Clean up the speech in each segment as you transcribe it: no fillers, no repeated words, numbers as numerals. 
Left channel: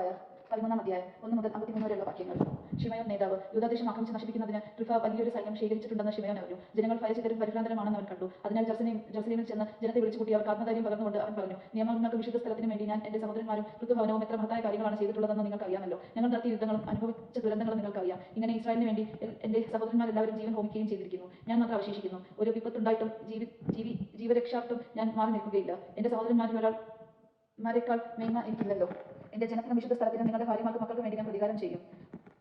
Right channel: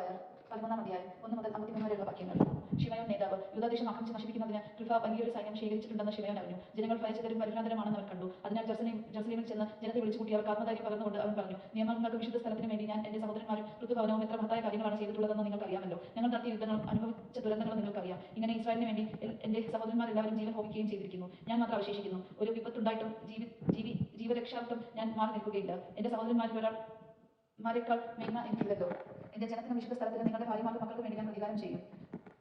Fire 13 അധ്യായം 1 മുതൽ 53 വരെയുള്ള വാക്യങ്ങൾ. ശിമയോൻ നേതാവ് യൂദാദേശം ആക്രമിച്ച് നശിപ്പിക്കുന്നതിന് ട്രിഫ വലിയൊരു സൈന്യം ശേഖരിച്ചിട്ടുണ്ടെന്ന് ശിമയോൻ അറിഞ്ഞു. ജനങ്ങൾ ഭയചകിതരും പരിഭ്രാന്തരുമാണെന്ന് അവൻ കണ്ടു. അതിനാൽ ജെറുസലേമിൽ ചെന്ന് ജനത്തെ വിളിച്ചുകൂട്ടി അവർക്ക് ആത്മധൈര്യം പകർന്നുകൊണ്ട് അവൻ പറഞ്ഞു, നിയമങ്ങൾക്ക് വിശുദ്ധ സ്ഥലത്തിന് വേണ്ടി ഞാൻ എന്റെ സഹോദരന്മാരും ഋതുഭവനവും എത്ര മഹത്തായ കാര്യങ്ങളാണ് ചെയ്തിട്ടുള്ളതെന്ന് നിങ്ങൾക്കറിയാമല്ലോ. ഞങ്ങൾ നടത്തിയ യുദ്ധങ്ങളും അനുഭവിച്ച ദുരന്തങ്ങളും നിങ്ങൾക്കറിയാം. ഇങ്ങനെ ഇസ്രായേലിന് വേണ്ടി എന്റെ സഹോദരന്മാരെല്ലാവരും ജീവൻ ഹോമിക്കുകയും ചെയ്തിരിക്കുന്നു. ഞാൻ മാത്രം അവശേഷിക്കുന്നു. ഒരു വിപത്തുണ്ടായിട്ടും ജീവരക്ഷാർത്ഥം ഞാൻ മാറി നിൽക്കുകയില്ല. എന്റെ സഹോദരന്മാരെക്കാൾ മേന്മ എനിക്കില്ലല്ലോ. എന്റെ ജനത്തിന് വിശുദ്ധ സ്ഥലത്തിന് നിങ്ങളുടെ ഭാര്യമാർക്ക് മക്കൾക്ക് വേണ്ടി ഞാൻ പ്രതികാരം ചെയ്യും.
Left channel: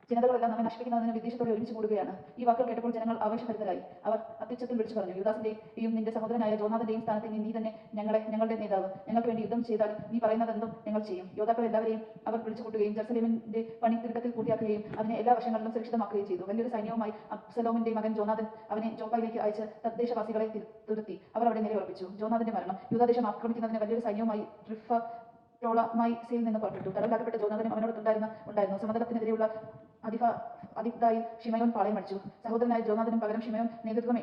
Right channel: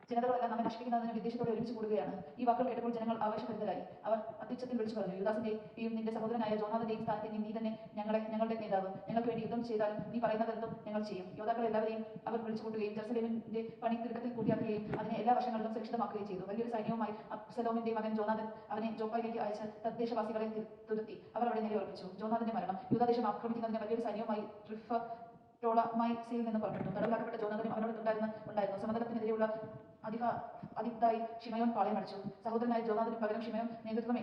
ജനതകളെല്ലാം നമ്മെ നശിപ്പിക്കുന്നതിന് വിദ്വേഷത്തോടെ ഒരുമിച്ച് കൂടുകയാണ്. ഈ വാക്കുകൾ കേട്ടപ്പോൾ ജനങ്ങൾ ആവേശഭരിതരായി. അവർ അത്യുച്ചത്തിൽ വിളിച്ചു പറഞ്ഞു, യൂദാസിന്റെയും നിന്റെ സഹോദരനായ ജോനാഥന്റെയും സ്ഥാനത്ത് നീ തന്നെ ഞങ്ങളുടെ നേതാവ്. ഞങ്ങൾക്ക് വേണ്ടി യുദ്ധം ചെയ്താൽ നീ പറയുന്നതെന്തും ഞങ്ങൾ ചെയ്യും. യോദ്ധാക്കൾ എല്ലാവരെയും അവർ വിളിച്ചു കൂട്ടുകയും ജെറുസലേമിന്റെ പണി തിടുക്കത്തിൽ പൂർത്തിയാക്കുകയും അതിനെ എല്ലാ വശങ്ങളിലും സുരക്ഷിതമാക്കുകയും ചെയ്തു. വലിയൊരു സൈന്യവുമായി അബ്സലോമിന്റെ മകൻ ജോനാഥൻ അവനെ ജോപ്പായിലേക്ക് അയച്ച് തദ്ദേശവാസികളെ തുരത്തി. അവർ അവിടെ നിലയുറപ്പിച്ചു. ജോനാഥന്റെ മരണം. യൂദാദേശം ആക്രമിക്കുന്നതിന് വലിയൊരു സൈന്യവുമായി ടോളമായിസിൽ നിന്ന് പുറപ്പെട്ടു. തടവിലാക്കപ്പെട്ട ജോനാഥനും അവനോട് സമതലത്തിനെതിരെയുള്ള അതിഥായി ശിമയോൻ പാളയമടിച്ചു. സഹോദരനായ ജോനാഥനും പകരം ശിമയോൻ നേതൃത്വം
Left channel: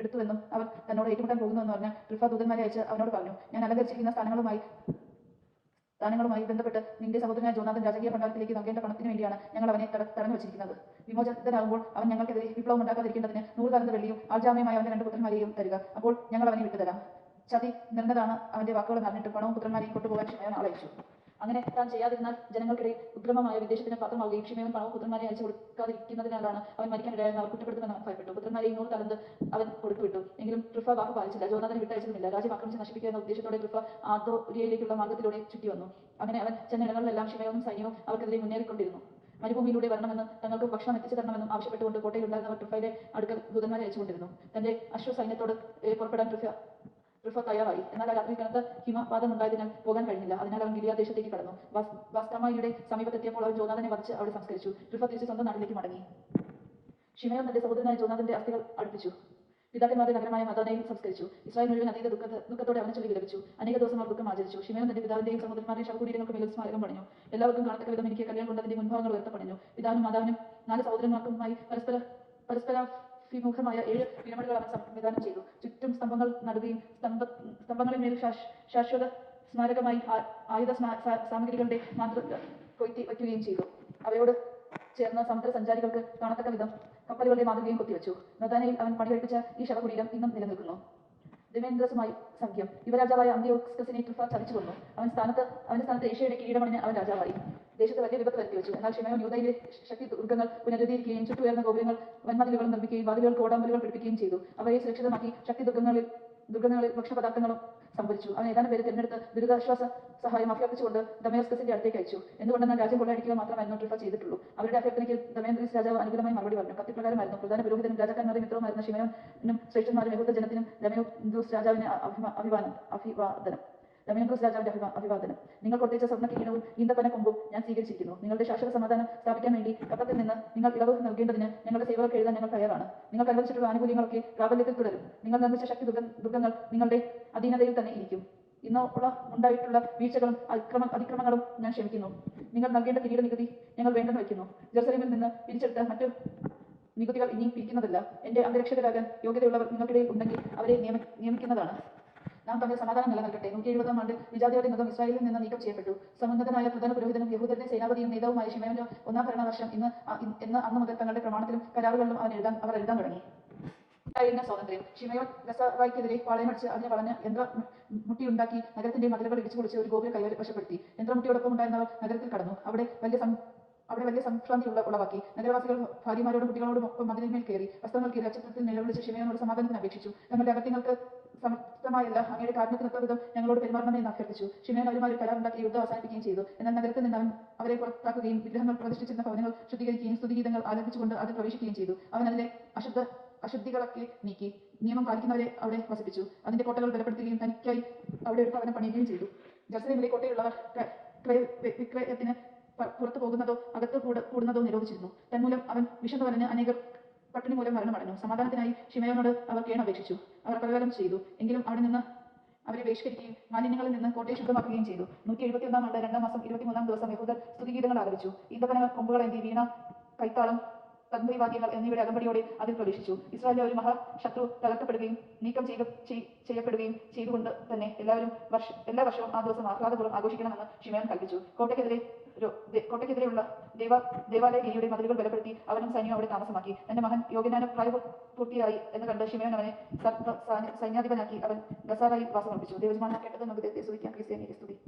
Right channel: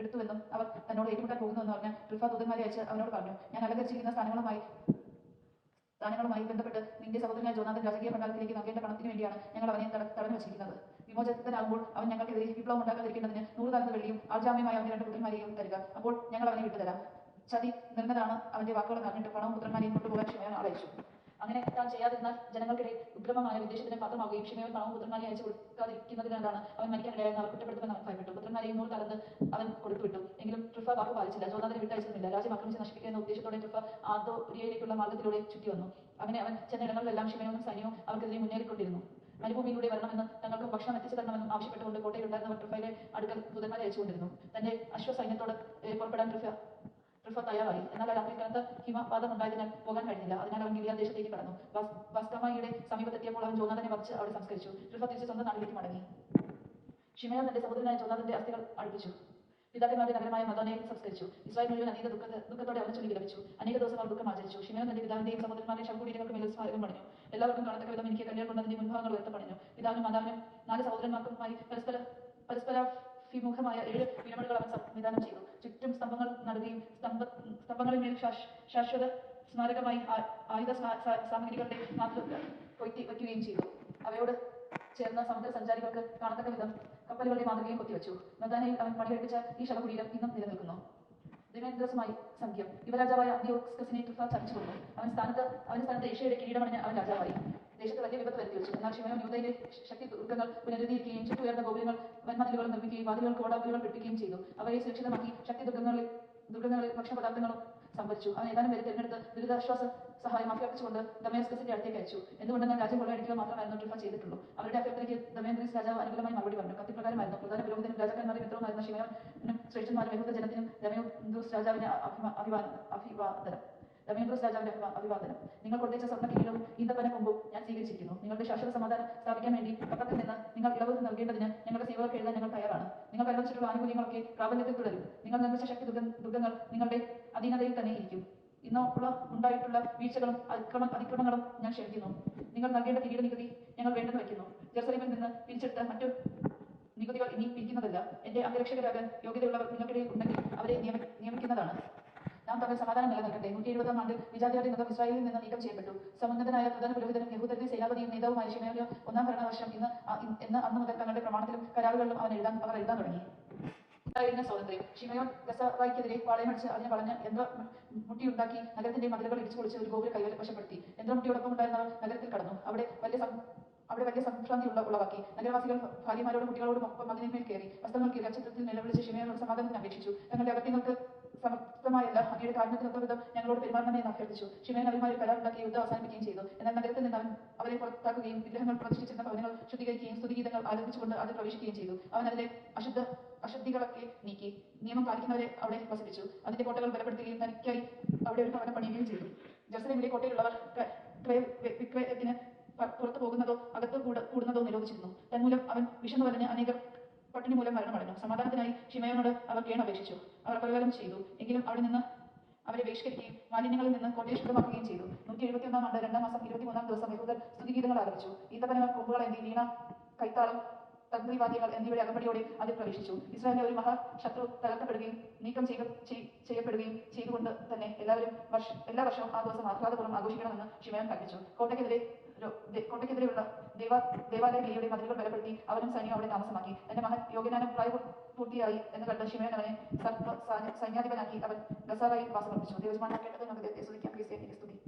എടുത്തുവെന്നും അവർ തന്നോട് ഏറ്റുമുട്ടാൻ പോകുന്നുവെന്ന് പറഞ്ഞ ട്രിഫ ദൂതന്മാരെ അയച്ച് അവനോട് പറഞ്ഞു, ഞാൻ അലങ്കരിച്ചിരിക്കുന്ന സ്ഥാനങ്ങളുമായി ബന്ധപ്പെട്ട് നിന്റെ സഹോദരനായ ജോനാഥൻ രാജകീയ ഭണ്ഡാരത്തിലേക്ക് നൽകേണ്ട പണത്തിന് വേണ്ടിയാണ് ഞങ്ങൾ അവനെ തടഞ്ഞു വെച്ചിരിക്കുന്നത്. വിമോചിതനാകുമ്പോൾ അവൻ ഞങ്ങൾക്കെതിരെ വിപ്ലവം ഉണ്ടാക്കാതിരിക്കേണ്ടതിന് 100 തലന്ത് വെള്ളിയും ആൾജാമ്യമായ അവന്റെ 2 പുത്രന്മാരെയും തരിക. അപ്പോൾ ഞങ്ങൾ അവനെ വിട്ടുതരാം. ചതി നിറഞ്ഞതാണ് അവന്റെ വാക്കുകൾ അറിഞ്ഞിട്ട് പണവും പുത്രന്മാരെയും കൊണ്ടുപോകാൻ ശിമയോൻ ആളയച്ചു. അങ്ങനെ താൻ ചെയ്യാതിരുന്നാൽ ജനങ്ങൾക്കിടെ ഉഗ്രമമായ വിദ്വേഷത്തിന് പാത്രമാവുകയും ശിമയോൻ പണവും പുത്രന്മാരെ അയച്ചു കൊടുക്കാതിരിക്കുന്നതിനാലാണ് അവൻ മരിക്കാനിടയായെന്ന് അവർ കുറ്റപ്പെടുത്തുമെന്ന് അവൻ ഭയപ്പെട്ടു. പുത്രന്മാരെയും 100 തലന്ത് അവൻ കൊടുത്തുവിട്ടു. എങ്കിലും ട്രിഫ വാക്ക് പാലിച്ചില്ല. ജോനാഥനെ വിട്ടയച്ചതുമില്ല. രാജ്യം ആക്രമിച്ച് നശിപ്പിക്കുക എന്ന ഉദ്ദേശത്തോടെ ട്രിഫ ആദോര്യയിലേക്കുള്ള മാർഗത്തിലൂടെ ചുറ്റി വന്നു. അങ്ങനെ അവൻ ചെന്ന ഇടങ്ങളിലെല്ലാം ശിമയോനും സൈന്യവും അവർക്കെതിരെ മുന്നേറിക്കൊണ്ടിരുന്നു. മരുഭൂമിയിലൂടെ വരണമെന്ന് തങ്ങൾക്ക് ഭക്ഷണം എത്തിച്ചു തരണമെന്നും ആവശ്യപ്പെട്ടുകൊണ്ട് കോട്ടയിലുണ്ടായിരുന്നവർ ട്രിഫയുടെ അടുക്കൽ ദൂതന്മാരെ അയച്ചുകൊണ്ടിരുന്നു. തന്റെ അശ്വസൈന്യത്തോട് പുറപ്പെടാൻ ട്രിഫ തയ്യാറായി. എന്നാൽ ആ രാത്രി കനത്ത ഹിമപാതം ഉണ്ടായതിനാൽ പോകാൻ കഴിഞ്ഞില്ല. അതിനാൽ അവൻ ഗിലിയാദ് ദേശത്തേക്ക് കടന്നു. ബാസ്തമയുടെ സമീപത്തെത്തിയപ്പോൾ അവൻ ജോനാഥനെ വധിച്ച് അവിടെ സംസ്കരിച്ചു. ട്രിഫ തിരിച്ച് സ്വന്തം നാട്ടിലേക്ക് മടങ്ങി. ശിമയോൻ തന്റെ സഹോദരനായ ജോനാഥന്റെ അസ്ഥികൾ അടുപ്പിച്ചു. പിതാക്കന്മാരുടെ നഗരമായ മദാനയിൽ സംസ്കരിച്ചു. ഇസ്രായേൽ മുഴുവൻ അതീത ദുഃഖത്തോടെ അവനെ ചൊല്ലി വിലപിച്ചു. അനേക ദിവസം അവർ ദുഃഖം ആചരിച്ചു. ശിമയോൻ തന്റെ പിതാവിന്റെയും സഹോദരന്മാരുടെയും ശവകുടീരങ്ങൾക്ക് മേൽ സ്മാരകം പണിഞ്ഞു. എല്ലാവർക്കും കാണത്തക്ക വിധം എനിക്ക് കല്യാൺ കൊണ്ട് അതിന്റെ മുൻഭാഗങ്ങൾ ഉയർത്ത പണിഞ്ഞു. പിതാവിനും മാതാവിനും 4 സഹോദരന്മാർക്കുമായി പരസ്പരാഭിമുഖമായ 7 പിരമിഡുകൾ അവൻ സംവിധാനം ചെയ്തു. ചുറ്റും സ്തംഭങ്ങൾ നടുകയും സ്തംഭങ്ങളിൽ മേൽ ശാശ്വത സ്മാരകമായി ആയുധ സാമഗ്രികളുടെ മാതൃക വയ്ക്കുകയും ചെയ്തു. അവയോട് ചേർന്ന സമുദ്ര സഞ്ചാരികൾക്ക് കാണത്തക്ക വിധം കപ്പലുകളുടെ മാതൃകയും കൊത്തിവെച്ചു. മദാനയിൽ അവൻ പണികഴിപ്പിച്ച ഈ ശവകുടീരം ഇന്നും നിലനിൽക്കുന്നു. ദിമേന്ദ്രസുമായി സഖ്യം. യുവരാജാവായ അന്ത്യോക്സിനെ ട്രിഫ ചതിച്ചു കൊന്നു. അവന്റെ സ്ഥാനത്ത് ഏഷ്യയുടെ കിരീടമണിഞ്ഞ് അവൻ രാജാവായി. ദേശത്ത് വലിയ വിപത്ത് വരുത്തിവെച്ചു. എന്നാൽ ശിമയോൻ യൂദയിലെ ശക്തി ദുർഗങ്ങൾ പുനരുദ്ധരിക്കുകയും ചുറ്റുയർന്ന ഗോപുരങ്ങൾ വൻമതിലുകളും നിർമ്മിക്കുകയും വാതിലുകൾക്ക് ഓടാമ്പലുകൾ പിടിപ്പിക്കുകയും ചെയ്തു. അവയെ സുരക്ഷിതമാക്കി ശക്തി ദുർഗങ്ങളിൽ ഭക്ഷണപദാർത്ഥങ്ങളും സംഭരിച്ചു. അവൻ ഏതാനും പേരെ തിരഞ്ഞെടുത്ത് ദുരിതാശ്വാസ സഹായം അഭ്യർത്ഥിച്ചുകൊണ്ട് ദമയസ്കസിന്റെ അടുത്തേക്ക് അയച്ചു. എന്തുകൊണ്ടെന്നാൽ രാജ്യം കൊള്ളയടിക്കുക മാത്രമായിരുന്നു ട്രിഫ ചെയ്തിട്ടുള്ളൂ. അവരുടെ അഭ്യർത്ഥനയ്ക്ക് ദമയന്ത്രീസ് രാജാവ് അനുകൂലമായി മറുപടി പറഞ്ഞു. കത്തിപ്രകാരമായിരുന്നു. പ്രധാന പുരോഹിതനും രാജാക്കന്മാരുടെ മിത്രവുമായിരുന്ന ശിമയോനും ശ്രേഷ്ഠന്മാരും യഹൂദ ജനത്തിനും ദമയന്ത്രീസ് രാജാവിന്റെ അഭിവാദനം. നിങ്ങൾ കൊട്ടേച്ച സ്വർണ്ണ കിരീടവും ഈന്തപ്പന കൊമ്പും ഞാൻ സ്വീകരിച്ചിരിക്കുന്നു. നിങ്ങളുടെ ശാശ്വത സമാധാനം സ്ഥാപിക്കാൻ വേണ്ടി കപ്പത്തിൽ നിന്ന് നിങ്ങൾ ഇളവ് നൽകേണ്ടതിന് ഞങ്ങളുടെ സേവകർക്ക് എഴുതാൻ ഞങ്ങൾ തയ്യാറാണ്. നിങ്ങൾ അനുവദിച്ചിട്ടുള്ള ആനുകൂല്യങ്ങളൊക്കെ പ്രാബല്യത്തിൽ തുടരും. നിങ്ങൾ നിർമ്മിച്ച ശക്തി ദുർഗങ്ങൾ നിങ്ങളുടെ അധീനതയിൽ തന്നെ ഇരിക്കും. ഉണ്ടായിട്ടുള്ള വീഴ്ചകളും അതിക്രമങ്ങളും ഞാൻ ക്ഷമിക്കുന്നു. നിങ്ങൾ നൽകേണ്ട കിരീട നികുതി ഞങ്ങൾ വേണ്ടെന്ന് വയ്ക്കുന്നു. ജെറുസലേമിൽ നിന്ന് പിരിച്ചെടുത്ത മറ്റു നികുതികൾ ഇനി പിരിക്കുന്നതല്ല. എന്റെ അംഗരക്ഷകരാകാൻ യോഗ്യതയുള്ളവർ നിങ്ങൾക്കിടയിൽ ഉണ്ടെങ്കിൽ അവരെ നിയമിക്കുന്നതാണ്. നാം തമ്മിൽ സമാധാനം നിലനിൽക്കട്ടെ. 170-ാം ആണ്ടിൽ വിജാതിയുടെ മൃഗം ഇസ്രായേലിൽ നിന്ന് നീക്കം ചെയ്യപ്പെട്ടു. സമുന്നതനായ പ്രധാന പുരോഹിതനും യഹൂദരുടെ സേനാപതിയും നേതാവുമായ ശിമയോന്റെ 1-ാം ഭരണവർഷം ഇന്ന് അന്നു മുതൽ തങ്ങളുടെ പ്രമാണത്തിലും കരാറുകളിലും അവർ എഴുതാൻ തുടങ്ങി. സ്വാതന്ത്ര്യം. ശിമയോൻ ഗസാറായ്ക്കെതിരെ പാളയമടിച്ച് അതിനെ വളഞ്ഞ യന്ത്രമുട്ടിയുണ്ടാക്കി നഗരത്തിന്റെ മതിലുകൾ ഇടിച്ചു പൊളിച്ച് ഒരു ഗോപുരം കൈവശപ്പെടുത്തി. യന്ത്രമുട്ടിയോടൊപ്പം ഉണ്ടായിരുന്നവർ നഗരത്തിൽ കടന്നു. അവിടെ വലിയ സംഭ്രാന്തി ഉളവാക്കി. നഗരവാസികൾ ഭാര്യമാരോടും കുട്ടികളോടും ഒപ്പം മതിലിന്മേൽ കയറി വസ്ത്രങ്ങൾ കയറി അച്ചത്തിൽ നിലവിളിച്ച് ശിമയോനോട് സമാധാനത്തിന് അപേക്ഷിച്ചു. തങ്ങളുടെ അകത്യങ്ങൾക്ക് സമർത്ഥമായില്ല അങ്ങയുടെ കാരണത്തിനൊത്ത വിധം ഞങ്ങളോട് പെരുമാറണമെന്ന് അഭ്യർത്ഥിച്ചു. ശിമയോൻ അവരുമായി കരാറുണ്ടാക്കി യുദ്ധം അവസാനിപ്പിക്കുകയും ചെയ്തു. എന്നാൽ നഗരത്തിൽ നിന്ന് അവരെ പുറത്താക്കുകയും വിഗ്രഹങ്ങൾ പ്രതിഷ്ഠിച്ചിരുന്ന ഭവനങ്ങൾ ശുദ്ധീകരിക്കുകയും സ്തുതിഗീതങ്ങൾ ആലപിച്ചുകൊണ്ട് അതിൽ പ്രവേശിക്കുകയും ചെയ്തു. അവൻ അതിന്റെ അശുദ്ധികളൊക്കെ നീക്കി നിയമം പാലിക്കുന്നവരെ അവിടെ വസിപ്പിച്ചു. അതിന്റെ കോട്ടകൾ ബലപ്പെടുത്തുകയും തനിക്കായി അവിടെ ഒരു ഭവനം പണിയുകയും ചെയ്തു. ജെറുസലേമിലെ കോട്ടയിലുള്ളവർ വിക്രയത്തിന് പുറത്തു പോകുന്നതോ അകത്ത് കൂടുന്നതോ നിരോധിച്ചിരുന്നു. തന്മൂലം അവൻ വിശന്നു വലഞ്ഞ് അനേകം പട്ടിണി മൂലം മരണമടഞ്ഞു. സമാധാനത്തിനായി ശിമയോനോട് അവർ കേണപേക്ഷിച്ചു. അവർ പ്രകാരം ചെയ്തു. എങ്കിലും അവിടെ നിന്ന് അവരെ ബഹിഷ്കരിക്കുകയും മാലിന്യങ്ങളിൽ നിന്ന് കോട്ടയെ ശുദ്ധമാക്കുകയും ചെയ്തു. 171-ാം ആണ്ട് 2-ാം മാസം 23-ാം ദിവസം യഹൂദർ സ്തുതിഗീതങ്ങൾ ആരംഭിച്ചു. ഈന്തപ്പന കൊമ്പുകൾ എന്നീ വീണ, കൈത്താളം, തന്ത്രിവാദ്യങ്ങൾ എന്നിവയുടെ അകമ്പടിയോടെ അതിൽ പ്രവേശിച്ചു. ഇസ്രായേലിലെ ഒരു മഹാശത്രു തകർക്കപ്പെടുകയും നീക്കം ചെയ്യപ്പെടുകയും ചെയ്തുകൊണ്ട് തന്നെ എല്ലാ വർഷവും ആ ദിവസം ആഹ്ലാദപൂർവ്വം ആഘോഷിക്കണമെന്ന് ശിമയോൻ കൽപ്പിച്ചു. കോട്ടയ്ക്കെതിരെ കോട്ടയ്ക്കെതിരെയുള്ള ദേവാലയ വേലിയുടെ മതിലുകൾ ബലപ്പെടുത്തി അവനും സൈന്യം അവിടെ താമസമാക്കി. എന്റെ മകൻ യോഗ്യനാനും പ്രായപൂർത്തിയായി എന്ന് കണ്ട് ശിമയോൻ അവനെ സൈന്യാധിപനാക്കി അവൻ ഗസാറയിൽ വാസമർപ്പിച്ചു. ദൈവജനങ്ങൾ കേട്ടത് നമുക്ക് ദൈവത്തെ സ്തുതിക്കാം. ക്രിസ്ത്യാനിക്ക് സ്തുതി.